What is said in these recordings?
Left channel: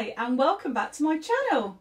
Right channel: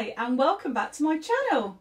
Hi and welcome back to my channel.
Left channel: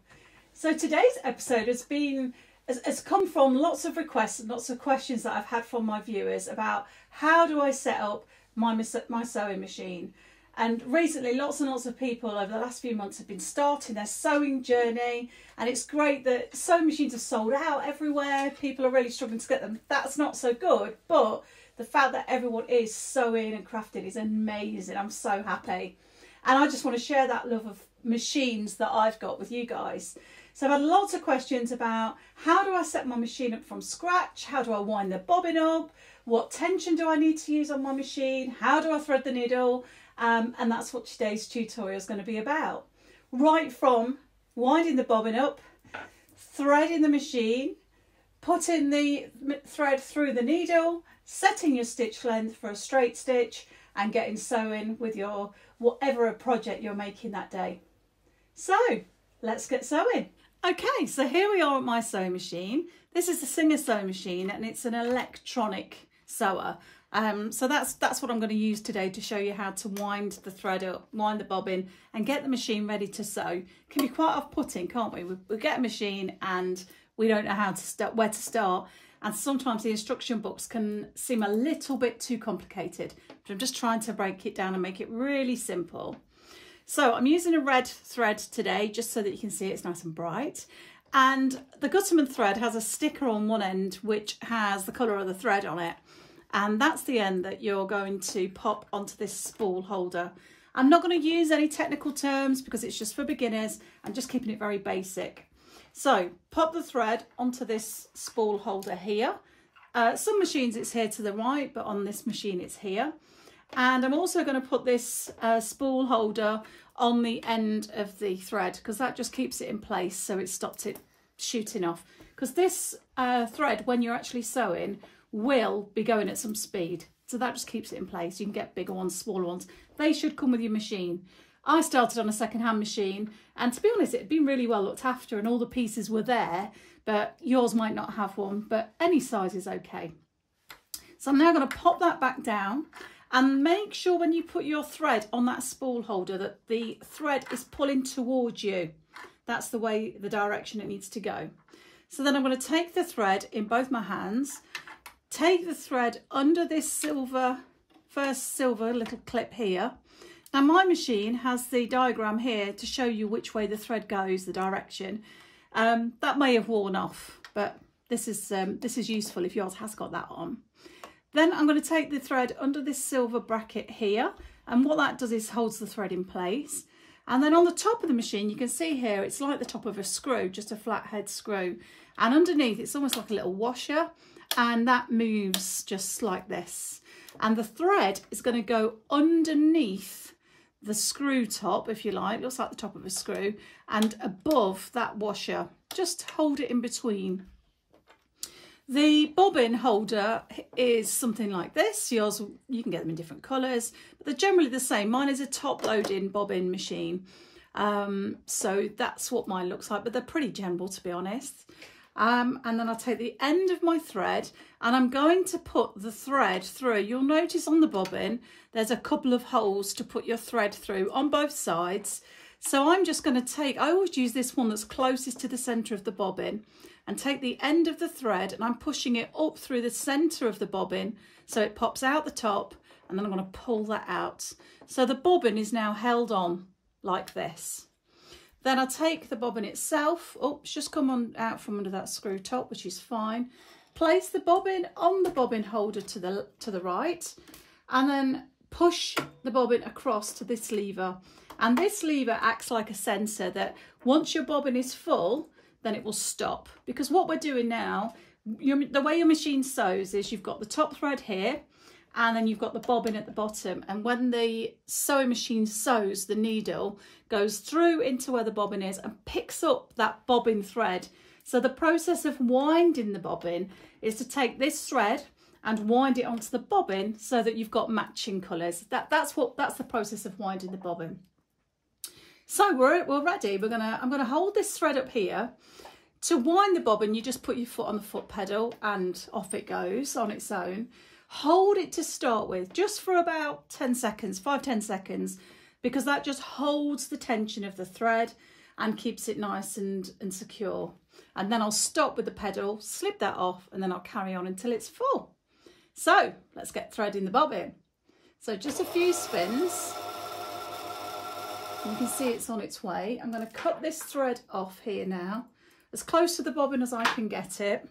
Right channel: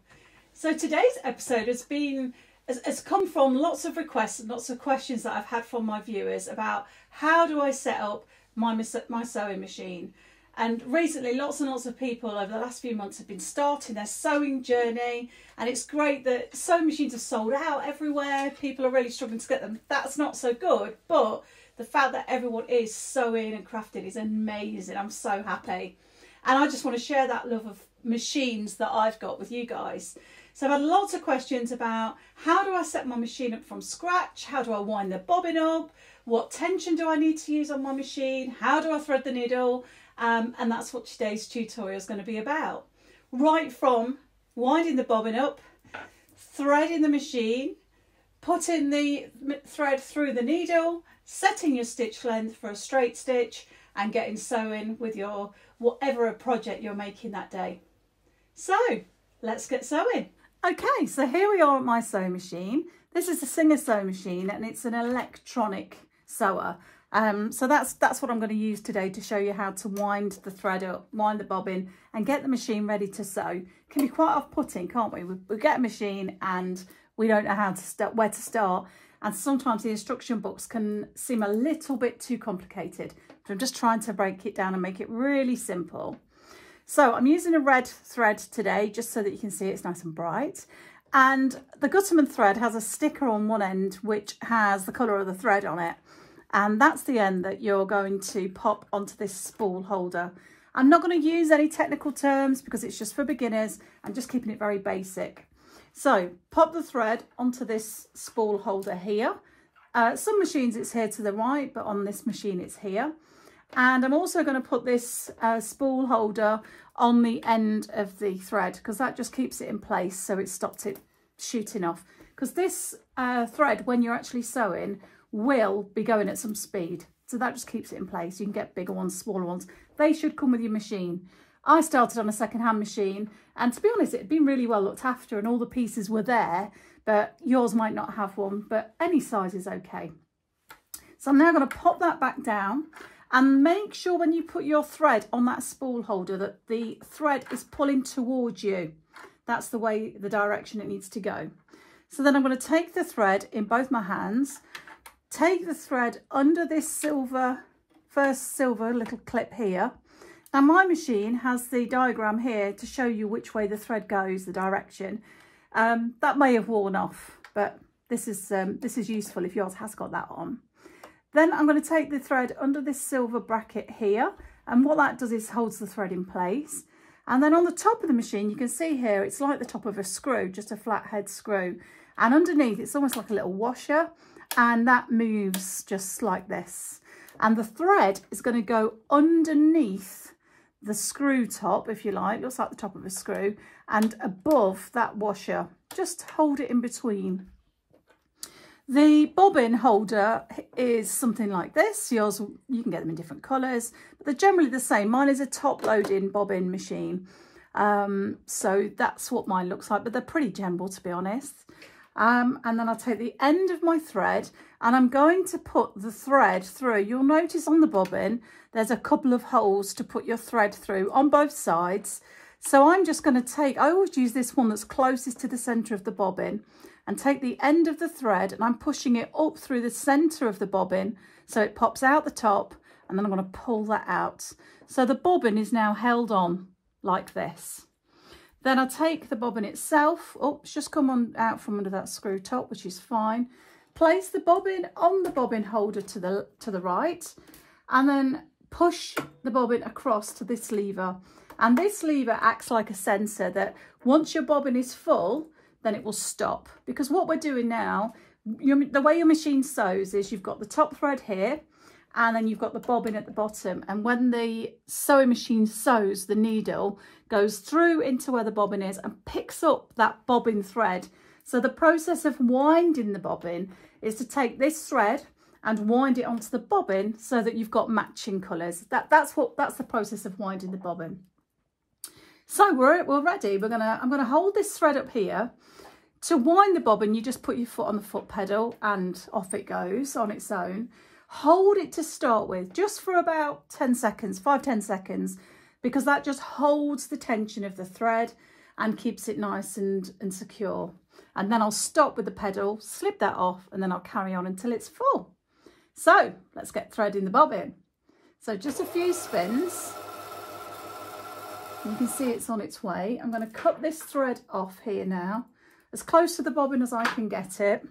So today's episode has come from lots of requests and lots of questions that I've had from my viewers about how do I set up my sewing machine. And recently lots and lots of people over the last few months have been starting their sewing journey, and it's great that sewing machines are sold out everywhere. People are really struggling to get them. That's not so good, but the fact that everyone is sewing and crafting is amazing. I'm so happy. And I just want to share that love of machines that I've got with you guys. So I've had lots of questions about how do I set my machine up from scratch? How do I wind the bobbin up? What tension do I need to use on my machine? How do I thread the needle? And that's what today's tutorial is going to be about. Right from winding the bobbin up, threading the machine, putting the thread through the needle, setting your stitch length for a straight stitch, and getting sewing with your whatever project you're making that day. So let's get sewing. Okay, so here we are at my sewing machine. This is the Singer sewing machine, and it's an electronic sewer. So that's what I'm going to use today to show you how to wind the thread up, wind the bobbin, and get the machine ready to sew. It can be quite off-putting, can't we? We get a machine and we don't know how to start, where to start. And sometimes the instruction books can seem a little bit too complicated, but I'm just trying to break it down and make it really simple. So I'm using a red thread today, just so that you can see it's nice and bright. And the Gutterman thread has a sticker on one end, which has the colour of the thread on it. And that's the end that you're going to pop onto this spool holder. I'm not going to use any technical terms because it's just for beginners. I'm just keeping it very basic. So pop the thread onto this spool holder here. Some machines it's here to the right, but on this machine it's here. And I'm also going to put this spool holder on the end of the thread because that just keeps it in place, so it stops it shooting off. Because this thread, when you're actually sewing, will be going at some speed. So that just keeps it in place. You can get bigger ones, smaller ones. They should come with your machine. I started on a second-hand machine, and to be honest, it had been really well looked after and all the pieces were there, but yours might not have one, but any size is okay. So I'm now going to pop that back down and make sure when you put your thread on that spool holder that the thread is pulling towards you. That's the way, the direction it needs to go. So then I'm going to take the thread in both my hands, take the thread under this first silver little clip here. Now my machine has the diagram here to show you which way the thread goes, the direction. That may have worn off, but this is useful if yours has got that on. Then I'm going to take the thread under this silver bracket here, and what that does is holds the thread in place. And then on the top of the machine, you can see here, it's like the top of a screw, just a flat head screw. And underneath, it's almost like a little washer, and that moves just like this. And the thread is going to go underneath the screw top, if you like, looks like the top of a screw, and above that washer. Just hold it in between. The bobbin holder is something like this. Yours, you can get them in different colours, but they're generally the same. Mine is a top-loading bobbin machine, so that's what mine looks like, but they're pretty general, to be honest. And then I'll take the end of my thread and I'm going to put the thread through. You'll notice on the bobbin there's a couple of holes to put your thread through on both sides. So I'm just going to take, I always use this one that's closest to the centre of the bobbin, and take the end of the thread and I'm pushing it up through the centre of the bobbin so it pops out the top, and then I'm going to pull that out. So the bobbin is now held on like this. Then I take the bobbin itself, it's just come out from under that screw top, which is fine. Place the bobbin on the bobbin holder to the right, and then push the bobbin across to this lever. And this lever acts like a sensor that once your bobbin is full, then it will stop. Because what we're doing now, the way your machine sews is you've got the top thread here, and then you've got the bobbin at the bottom, and when the sewing machine sews, the needle goes through into where the bobbin is and picks up that bobbin thread. So the process of winding the bobbin is to take this thread and wind it onto the bobbin so that you've got matching colours. That's the process of winding the bobbin. So we're ready. I'm gonna hold this thread up here. To wind the bobbin, you just put your foot on the foot pedal and off it goes on its own. Hold it to start with, just for about 10 seconds, 5-10 seconds. because that just holds the tension of the thread and keeps it nice and secure. And then I'll stop with the pedal, slip that off, and then I'll carry on until it's full. So let's get threading the bobbin. So just a few spins. You can see it's on its way. I'm going to cut this thread off here now, as close to the bobbin as I can get it.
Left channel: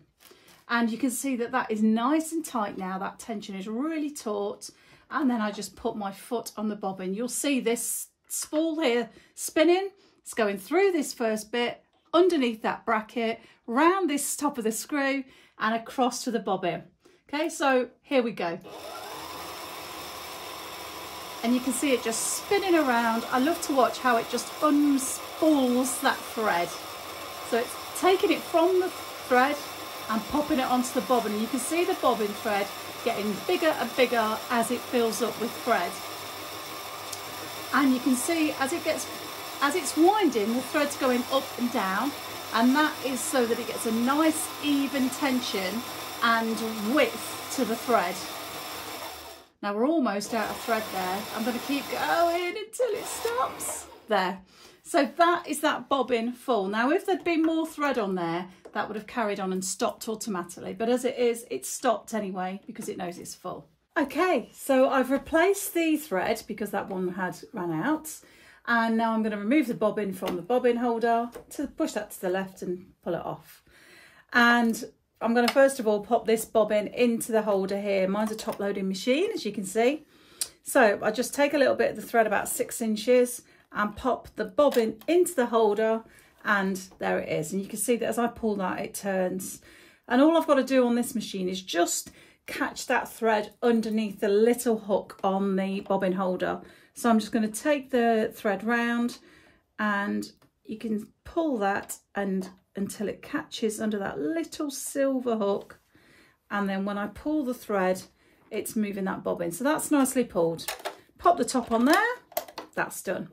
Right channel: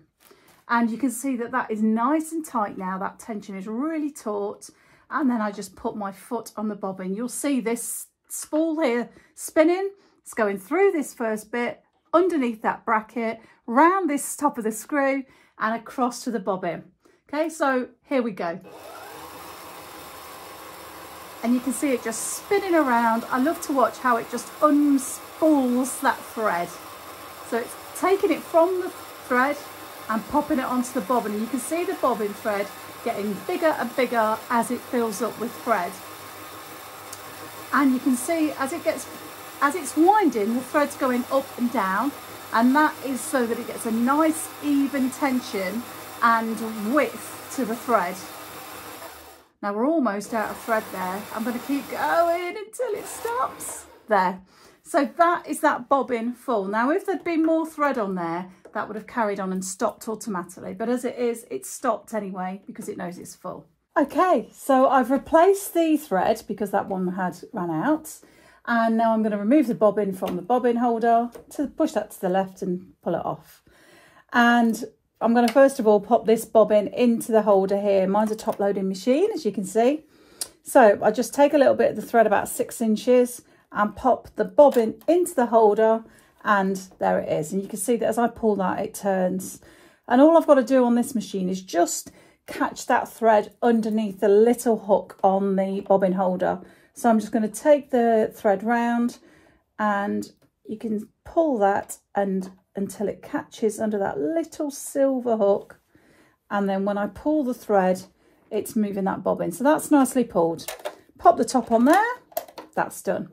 And you can see that that is nice and tight now. That tension is really taut. And then I just put my foot on the bobbin. You'll see this spool here spinning. It's going through this first bit, underneath that bracket, round this top of the screw and across to the bobbin. Okay, so here we go. And you can see it just spinning around. I love to watch how it just unspools that thread. So it's taking it from the thread and popping it onto the bobbin. And you can see the bobbin thread getting bigger and bigger as it fills up with thread. And you can see as it's winding, the thread's going up and down, and that is so that it gets a nice even tension and width to the thread. Now we're almost out of thread there. I'm going to keep going until it stops. There. So that is that bobbin full. Now if there'd been more thread on there, that would have carried on and stopped automatically. But as it is, it's stopped anyway because it knows it's full. Okay, so I've replaced the thread because that one had run out. And now I'm going to remove the bobbin from the bobbin holder, to push that to the left and pull it off. And I'm going to first of all pop this bobbin into the holder here. Mine's a top loading machine, as you can see. So I just take a little bit of the thread, about 6 inches, and pop the bobbin into the holder, and there it is. And you can see that as I pull that, it turns. And all I've got to do on this machine is just catch that thread underneath the little hook on the bobbin holder. So I'm just going to take the thread round, and you can pull that and until it catches under that little silver hook. And then when I pull the thread, it's moving that bobbin. So that's nicely pulled. Pop the top on there. That's done.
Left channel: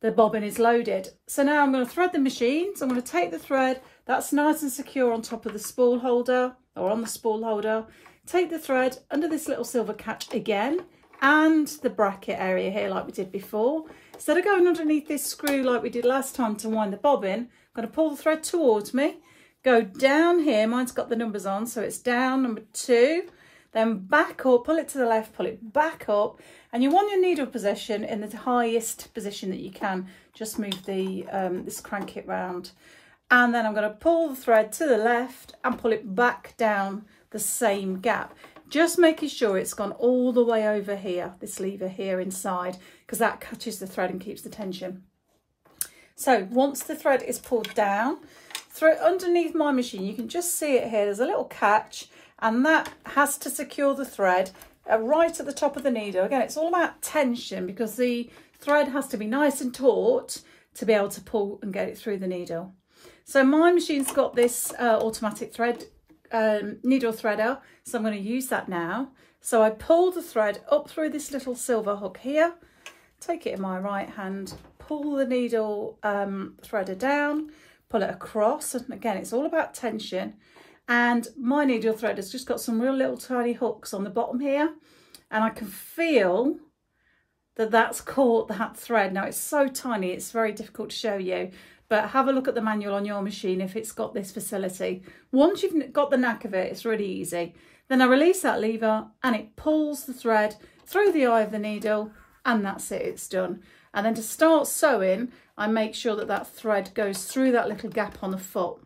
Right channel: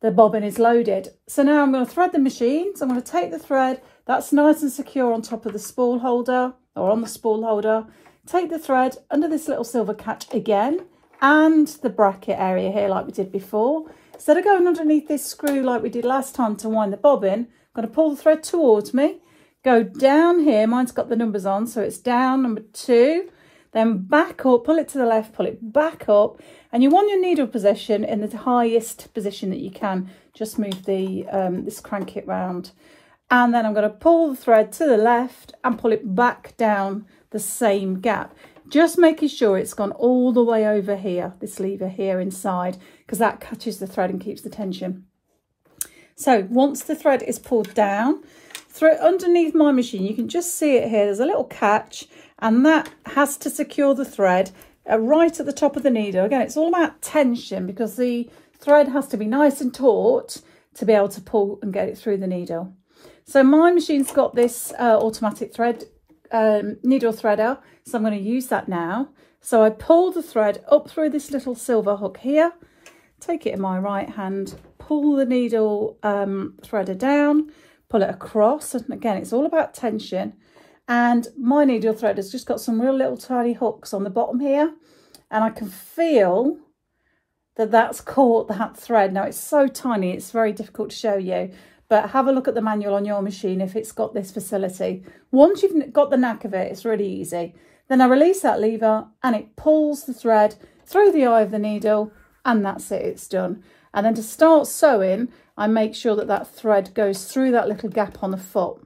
The bobbin is loaded. So now I'm going to thread the machine. So I'm going to take the thread that's nice and secure on top of the spool holder, or on the spool holder. Take the thread under this little silver catch again, and the bracket area here like we did before. Instead of going underneath this screw like we did last time to wind the bobbin, I'm going to pull the thread towards me, go down here, mine's got the numbers on, so it's down number 2, then back up, pull it to the left, pull it back up, and you want your needle position in the highest position that you can. Just move the this crank kit round, and then I'm going to pull the thread to the left and pull it back down the same gap. Just making sure it's gone all the way over here, this lever here inside, because that catches the thread and keeps the tension. So once the thread is pulled down, through underneath my machine, you can just see it here, there's a little catch, and that has to secure the thread right at the top of the needle. Again, it's all about tension because the thread has to be nice and taut to be able to pull and get it through the needle. So my machine's got this automatic thread needle threader, so I'm going to use that now. So I pull the thread up through this little silver hook here, take it in my right hand, pull the needle threader down, pull it across, and again it's all about tension. And my needle thread has just got some real little tiny hooks on the bottom here, and I can feel that that's caught that thread. Now it's so tiny, it's very difficult to show you, but have a look at the manual on your machine if it's got this facility. Once you've got the knack of it, it's really easy. Then I release that lever and it pulls the thread through the eye of the needle, and that's it, it's done. And then to start sewing, I make sure that that thread goes through that little gap on the foot.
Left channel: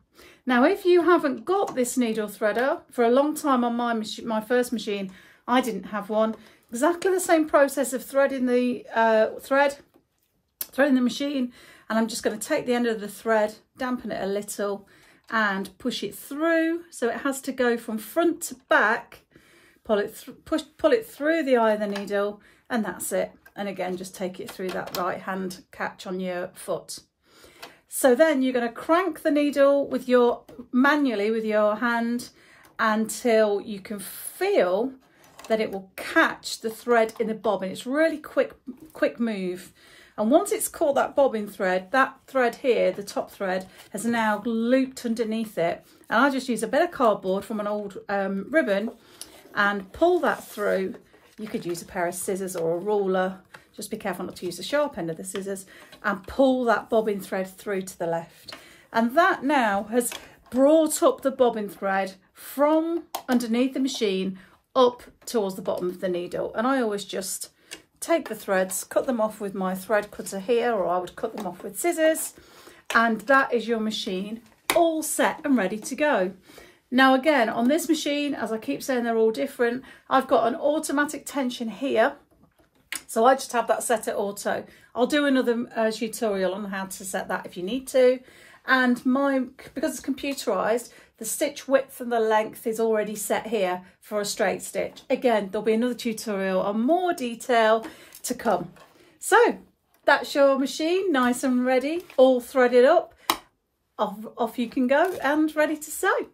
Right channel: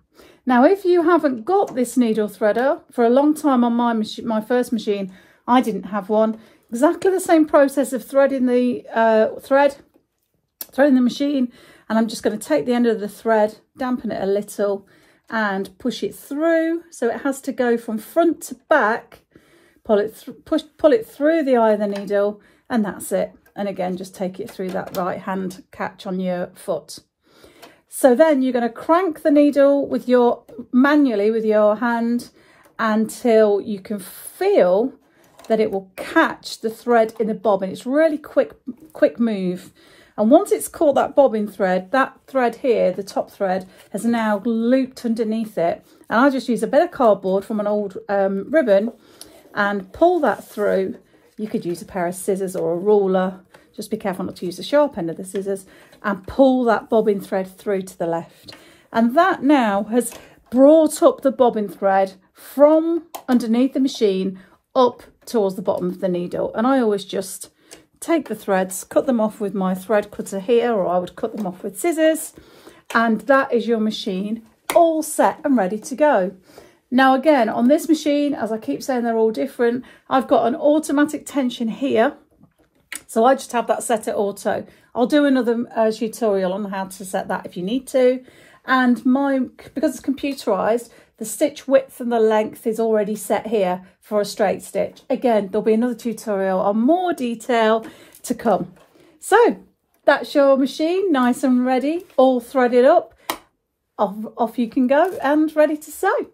Now, if you haven't got this needle threader, for a long time on my first machine, I didn't have one. Exactly the same process of threading the threading the machine, and I'm just going to take the end of the thread, dampen it a little, and push it through. So it has to go from front to back. Pull it through the eye of the needle, and that's it. And again, just take it through that right hand catch on your foot. So then you're going to crank the needle manually with your hand until you can feel that it will catch the thread in the bobbin. It's really quick move. And once it's caught that bobbin thread, that thread here, the top thread, has now looped underneath it. And I just use a bit of cardboard from an old ribbon and pull that through. You could use a pair of scissors or a ruler. just be careful not to use the sharp end of the scissors, and pull that bobbin thread through to the left. And that now has brought up the bobbin thread from underneath the machine up towards the bottom of the needle. And I always just take the threads, cut them off with my thread cutter here, or I would cut them off with scissors, and that is your machine all set and ready to go. Now again, on this machine, as I keep saying, they're all different. I've got an automatic tension here, so I just have that set at auto. I'll do another tutorial on how to set that if you need to. And because it's computerized, the stitch width and the length is already set here for a straight stitch. Again, there'll be another tutorial on more detail to come. So that's your machine, nice and ready, all threaded up. Off you can go and ready to sew.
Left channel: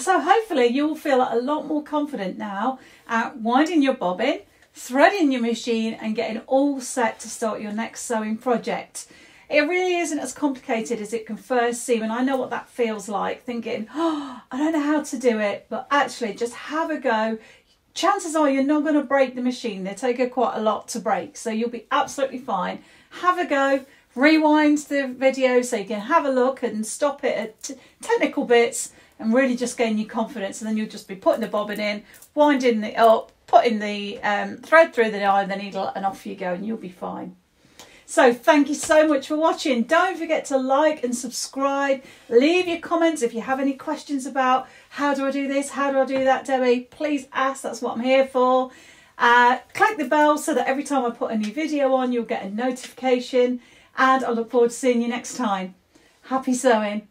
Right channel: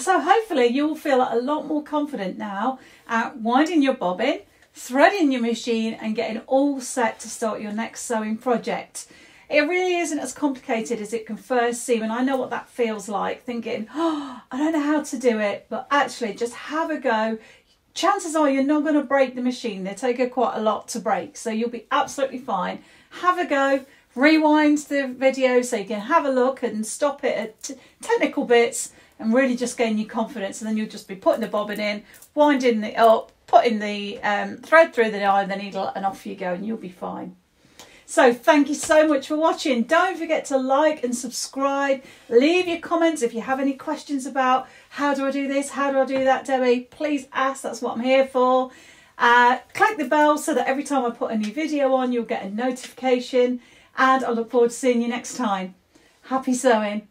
So hopefully you'll feel a lot more confident now at winding your bobbin, threading your machine and getting all set to start your next sewing project. It really isn't as complicated as it can first seem, and I know what that feels like, thinking, oh, I don't know how to do it, but actually just have a go. Chances are you're not going to break the machine. They take quite a lot to break, so you'll be absolutely fine. Have a go, rewind the video so you can have a look and stop it at technical bits and really just gain your confidence, and then you'll just be putting the bobbin in, winding it up, putting the thread through the eye of the needle, and off you go, and you'll be fine. So thank you so much for watching. Don't forget to like and subscribe. Leave your comments if you have any questions about how do I do this, how do I do that, Debbie. Please ask, that's what I'm here for. Click the bell so that every time I put a new video on, you'll get a notification. And I look forward to seeing you next time. Happy sewing.